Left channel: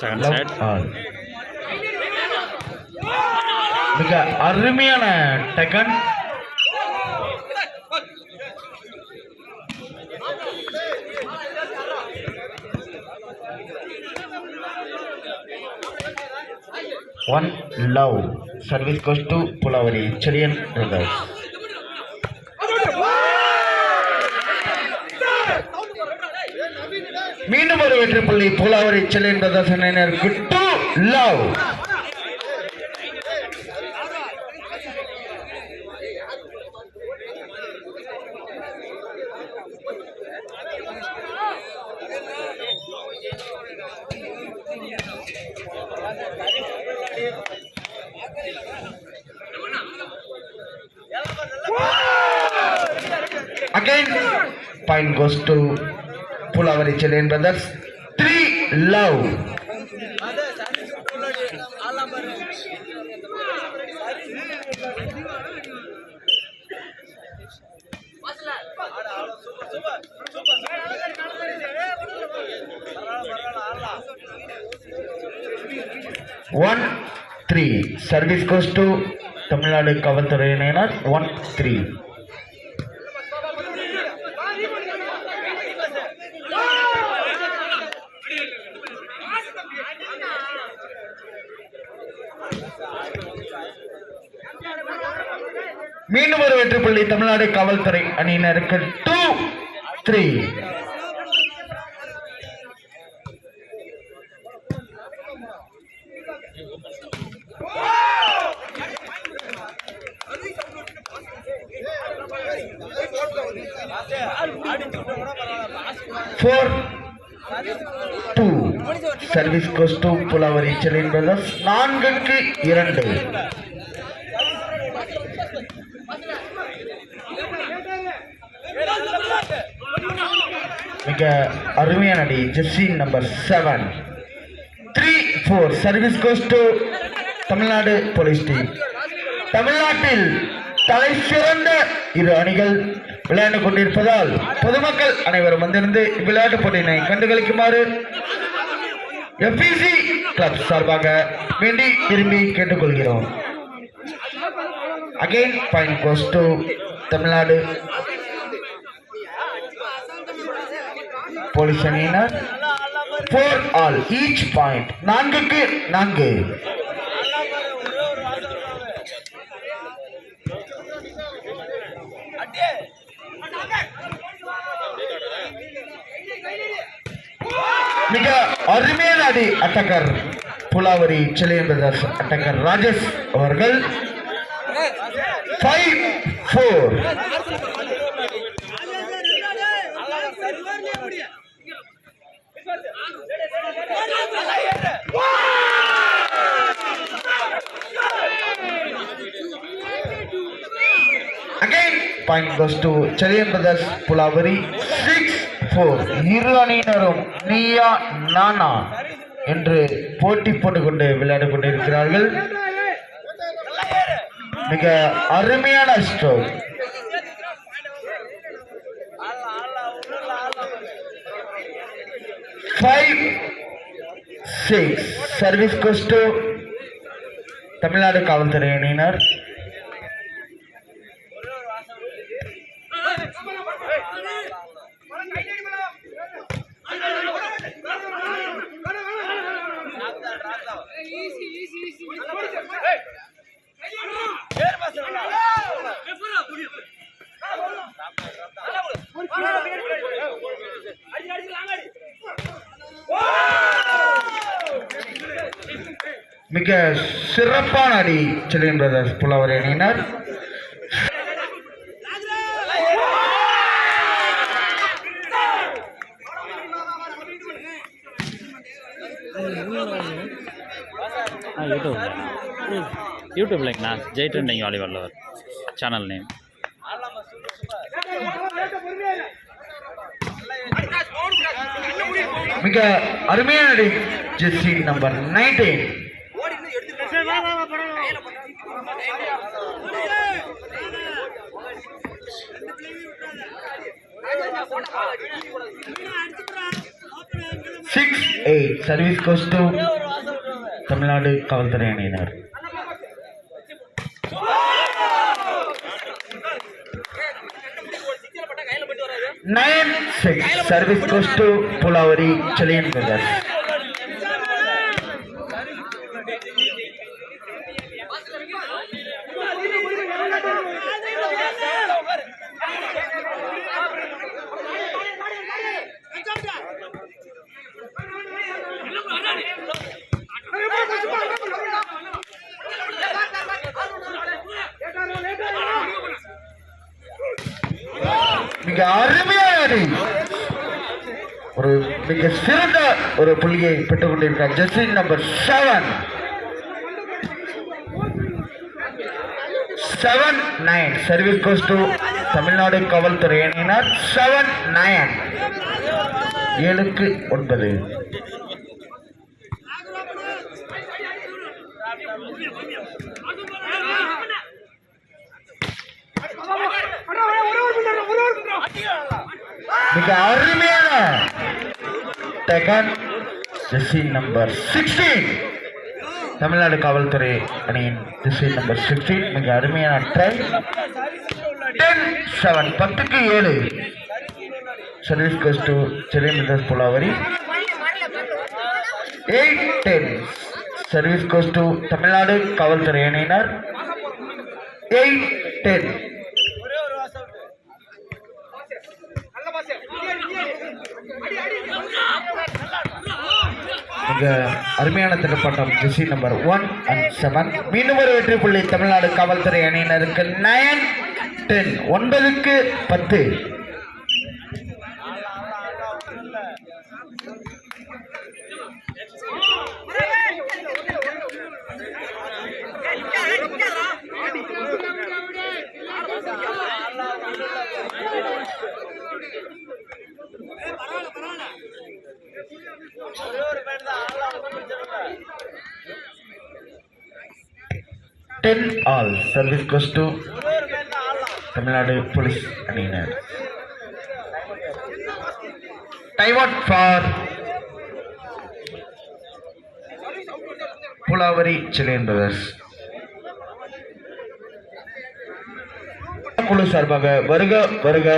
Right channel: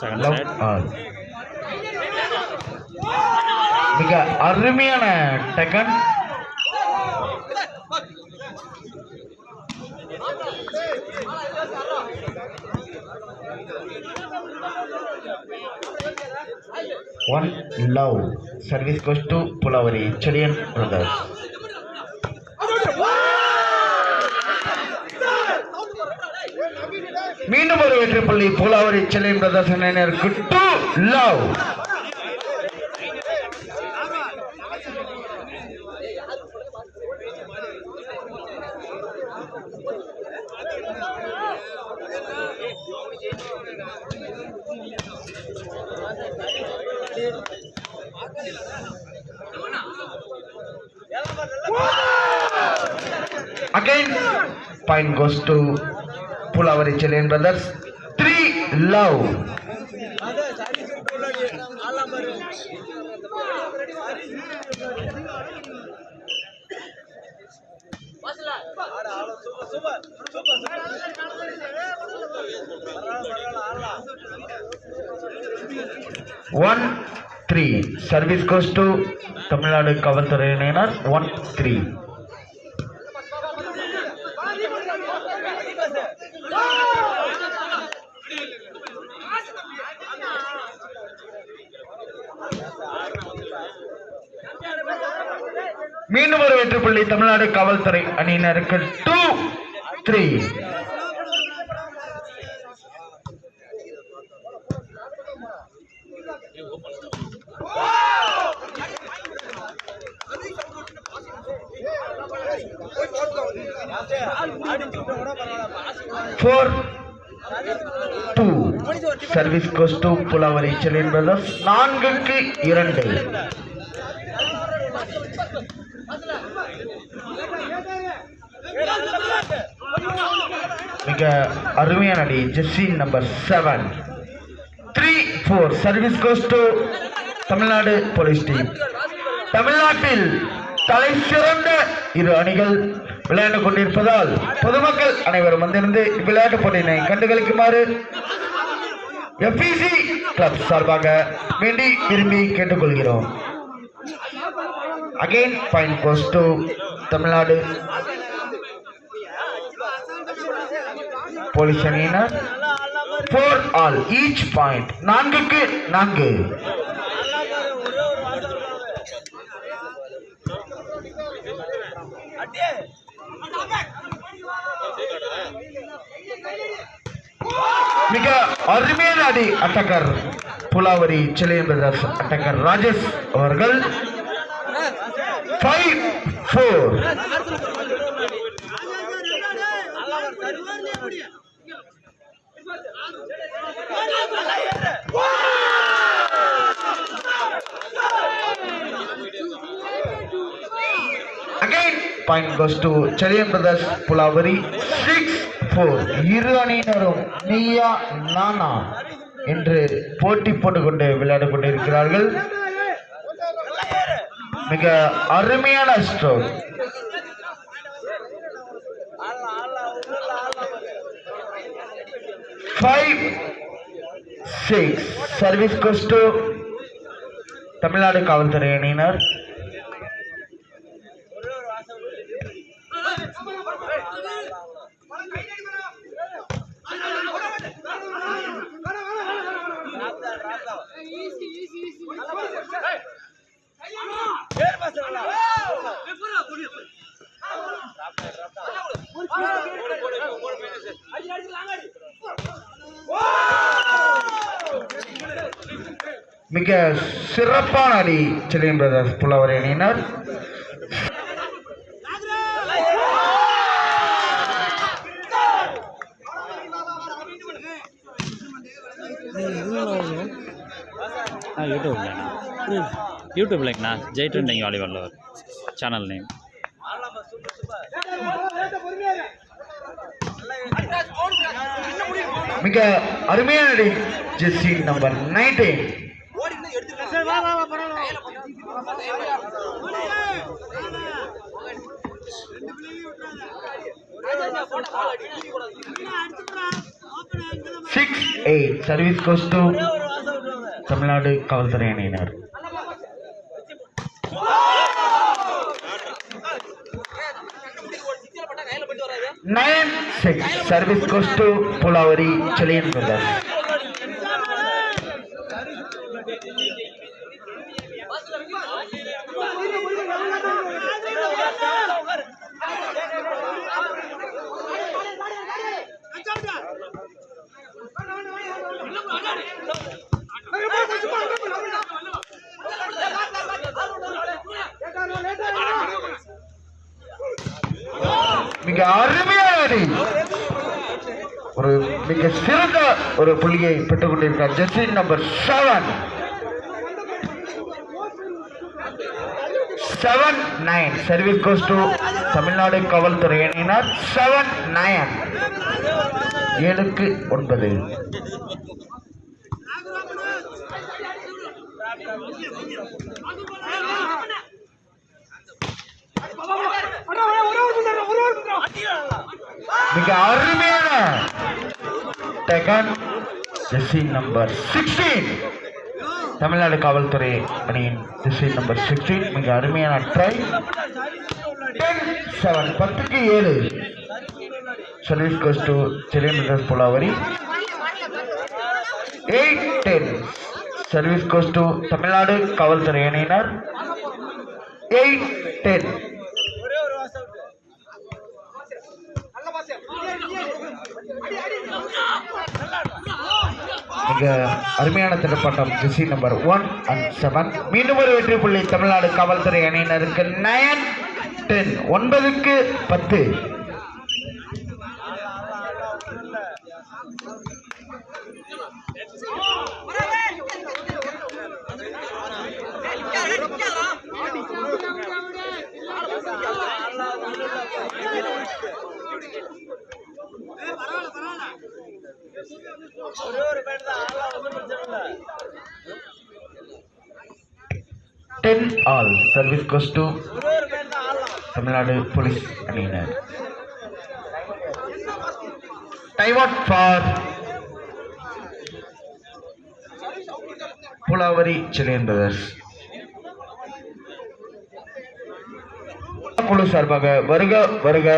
Second side மிக அருமையான Deccan. One love. Service goes to Pulavari Cherian Brothers. மீண்டும் ஒரு வெற்றி புள்ளி புலாவரி செல்லியன் பிரதர்ஸ் அணியினருக்கு 2 love. Again, point goes to Pulavari Cherian Brothers. 3 love. One 3. Service goes to Tamil Nadu Kavalthuraiyinar. 1-3. மீண்டும் ஒரு வெற்றி புள்ளி தமிழ்நாடு காவல்துறை அணியினருக்கு 2-3. Service goes to Pulavari Cherian Brothers. 4-2. மிக அருமையான அடி. Jersey number 7. 3-4. Service goes to Tamil Nadu police team. தமிழ்நாட்டில் தலை சிறந்த இரு அணிகள் விளையாண்டு கொண்டிருப்பதால் பொதுமக்கள் அனைவரும் வந்திருந்து விளையாட்டு போட்டியினை கண்டுகளிக்குமாறு FEC கிளப் சார்பாக வேண்டி விரும்பி கேட்டுக்கொள்கிறோம். Again, point goes to Tamil Nadu police அணியினர். 4 all. Each point. 4-4. மிக அருமையான அடி. அட்டக்கர் புலாவரி செல்லியன் பிரதர்ஸ் அட்டக்கர் ராஜேஷ் அவர்கள். 5-4. Again, point goes to Cherian Brothers Pulavari. 6-4. இரு அணியினரும் நீயா நானா என்று போட்டி போட்டுக்கொண்டு விளையாட கொண்டிருக்கிறார்கள். மிக அருமையான stroke. 5-6. Service goes to Tamil Nadu காவல்துறை அணியினர். மிக சிறப்பான அடி செல்லியன் பிரதர்ஸ் புலாவரி அணியினர். யூடியூப்லங்கண்ணா Jai trending volleyball channel name. மிக அருமையான அடி. Jersey number 19. 6-8 service goes to Tamil Nadu காவல்துறை அணியினர். 9-6 service goes to Pulavari Seliyan brothers. மிக அருமையான ஒரு மிக சிறந்த ஒரு புள்ளியை பெற்றுக் கொண்டிருக்கிறார் jersey number 7-9 service goes to Tamil Nadu காவல்துறை அணியினர். 7-9 7-9. மிக அருமையான டேக்கன் ஜெர்சி நம்பர் 16 தமிழ்நாடு காவல்துறை அணியின் ஜெர்சி நம்பர் 16 மிக அருமையான try. 10-7 10-7 service goes to Seliyan brothers Pulavari. 8-10 service goes to Tamil Nadu காவல்துறை அணியினர். 8-10. மிக அருமையான திரைப்படம் ஜெர்சி நம்பர் 1 and 7. மீண்டும் ஒரு வெற்றி புள்ளி தமிழ்நாடு காவல்துறை அணியினருக்கு. 9-10 9-10. All service goes to Tamil Nadu police அணியினர். Time out for Pulavari Seliyan brothers. குழு சார்பாக வருக வருக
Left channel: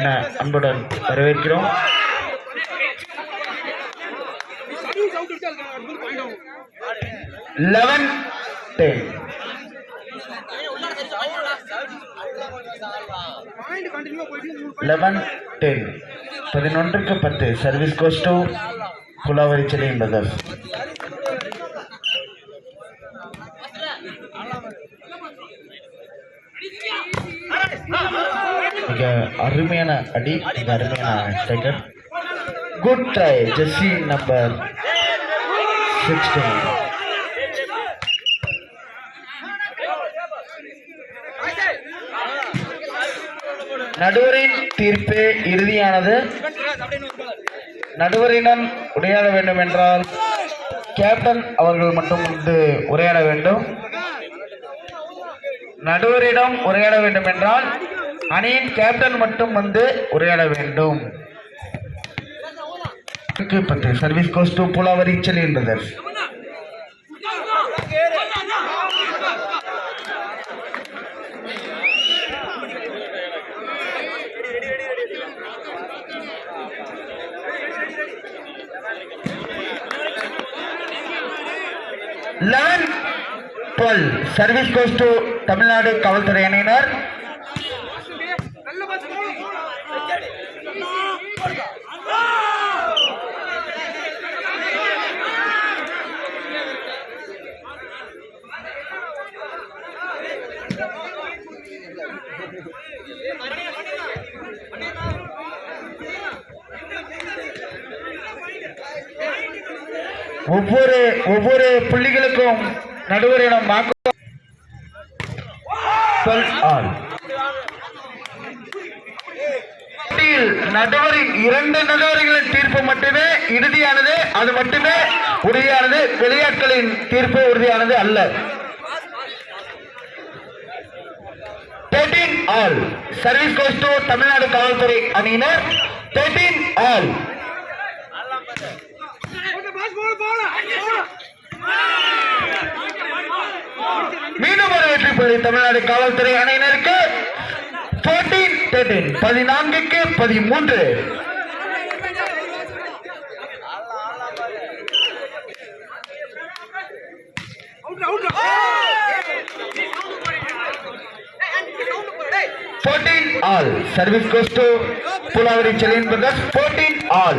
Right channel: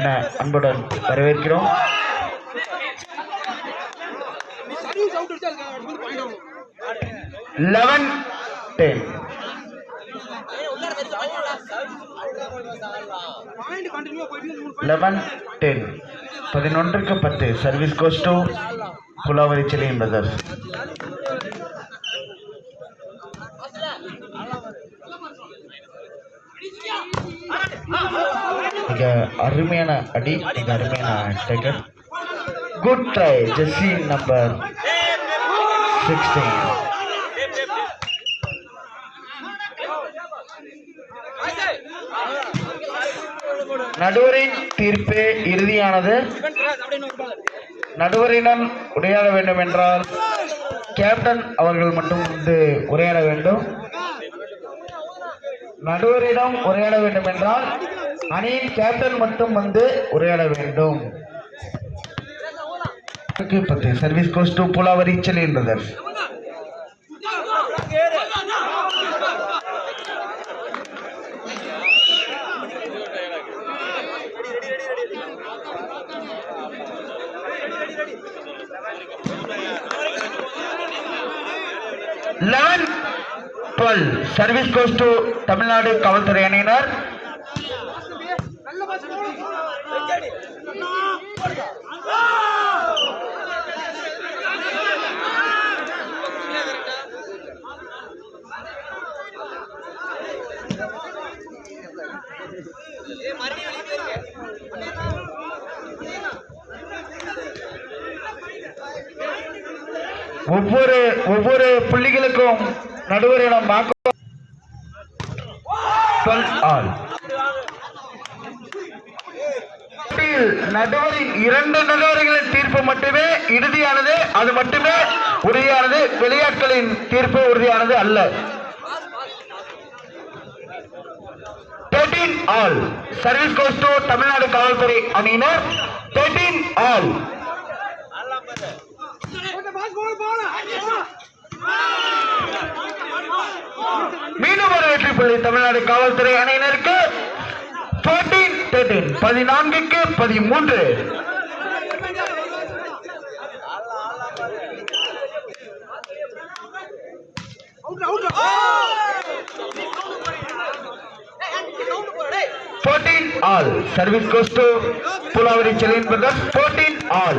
என அன்புடன் வரவேற்கிறோம். 11-10 11-10 service goes to Pulavari Seliyan brothers. மிக அருமையான அடி, மிக அருமையான taken. Good try jersey number 16. நடுவரின் தீர்ப்பே இறுதியானது. நடுவரிடம் உரையாட வேண்டும் என்றால் கேப்டன் அவர்கள் மட்டும் உரையாட வேண்டும். நடுவரிடம் உரையாட வேண்டும் என்றால் அணியின் கேப்டன் மட்டும் உரையாட வேண்டும். Service goes to Pulavari Seliyan brothers. Service goes to Tamil Nadu காவல்துறை அணியினர். ஒவ்வொரு புள்ளிகளுக்கும் நடுவரிடம் நடுவரின் 2 நடுவர்களின் தீர்ப்பு மட்டுமே இறுதியானது, அது மட்டுமே உறுதியானது. விளையாட்டுகளின் தீர்ப்பு உறுதியானது அல்ல. 13 all service goes to Tamil Nadu காவல்துறை அணியினர். 13 all மீண்டும் ஒரு வெற்றி புள்ளி தமிழ்நாடு காவல்துறை அணியினருக்கு 14-13 14க்கு 13. All service goes to Pulavari Chalin Brothers. 14 all.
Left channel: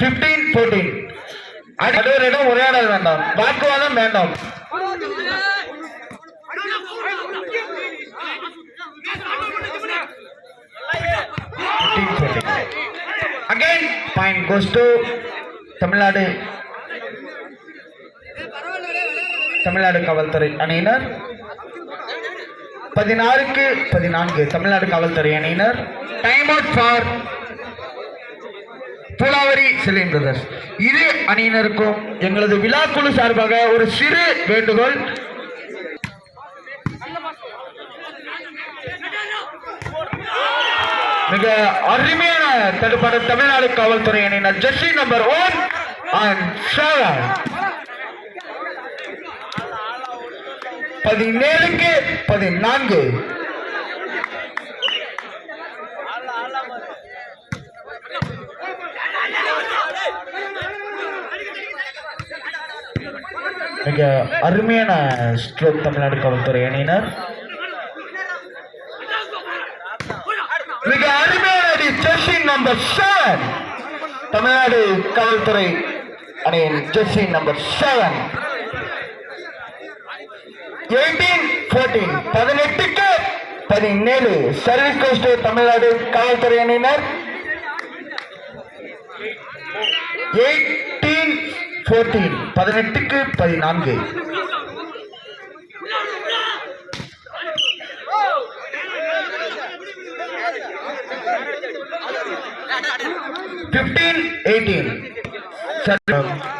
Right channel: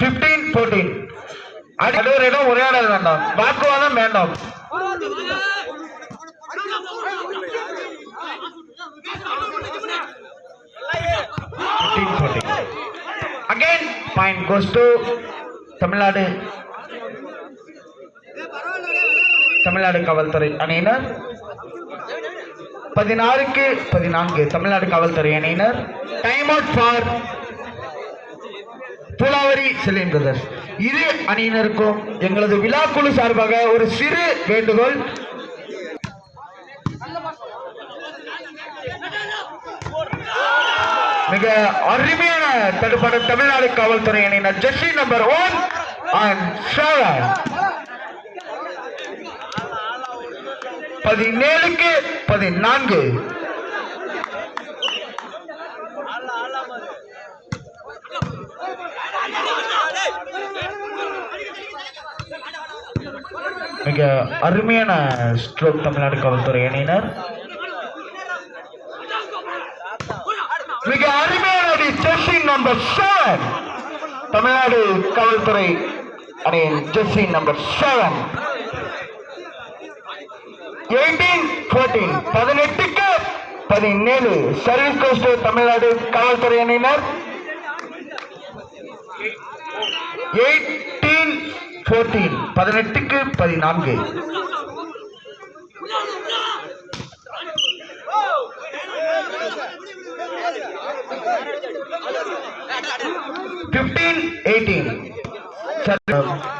15-14. அடுவரிடம் உரையாடல் வேண்டாம், வாக்குவாதம் வேண்டாம். Again, point goes to Tamil Nadu காவல்துறை அணியினர். 16க்கு 14 தமிழ்நாடு காவல்துறை அணியினர். Time out for Pulavari Selin brothers. இரு அணியினருக்கும் எங்களது விழாக்குழு சார்பாக ஒரு சிறு வேண்டுகோள். மிக அருமையான தடுப்பாடு தமிழ்நாடு காவல்துறை அணியினர். Jersey number 1 and 7. 17க்கு 14. மிக அருமையான ஸ்ட்ரோக் தமிழ்நாடு காவல்துறை அணியினர். மிக அருமையான ஜெர்சி நம்பர் 7 தமிழ்நாடு காவல்துறை அணியின் ஜெர்சி நம்பர் 7. 18-14 18க்கு 17 சர்வீஸ் கோஸ்ட் தமிழ்நாடு காவல்துறை அணியினர். 18-14 18க்கு 14.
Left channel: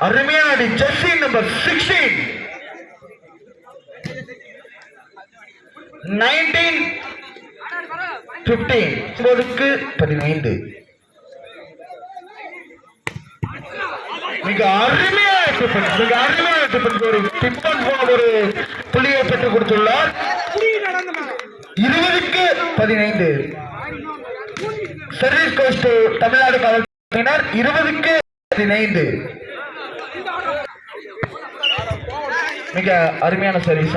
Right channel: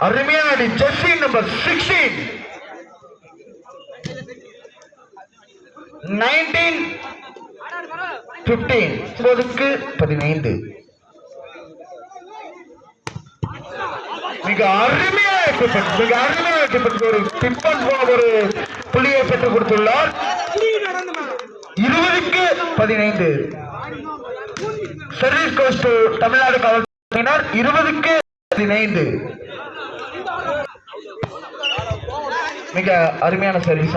அருமையான ஜெர்சி நம்பர் 16. 19-15 15. மிக அருமையாக ஒரு புள்ளியை பெற்றுக் கொடுத்துள்ளார். 20க்கு 15 சர்வீஸ் கோஸ்ட் தமிழ்நாடு காவல்துறையினர். 20க்கு 15 மிக அருமையான சர்வீஸ்.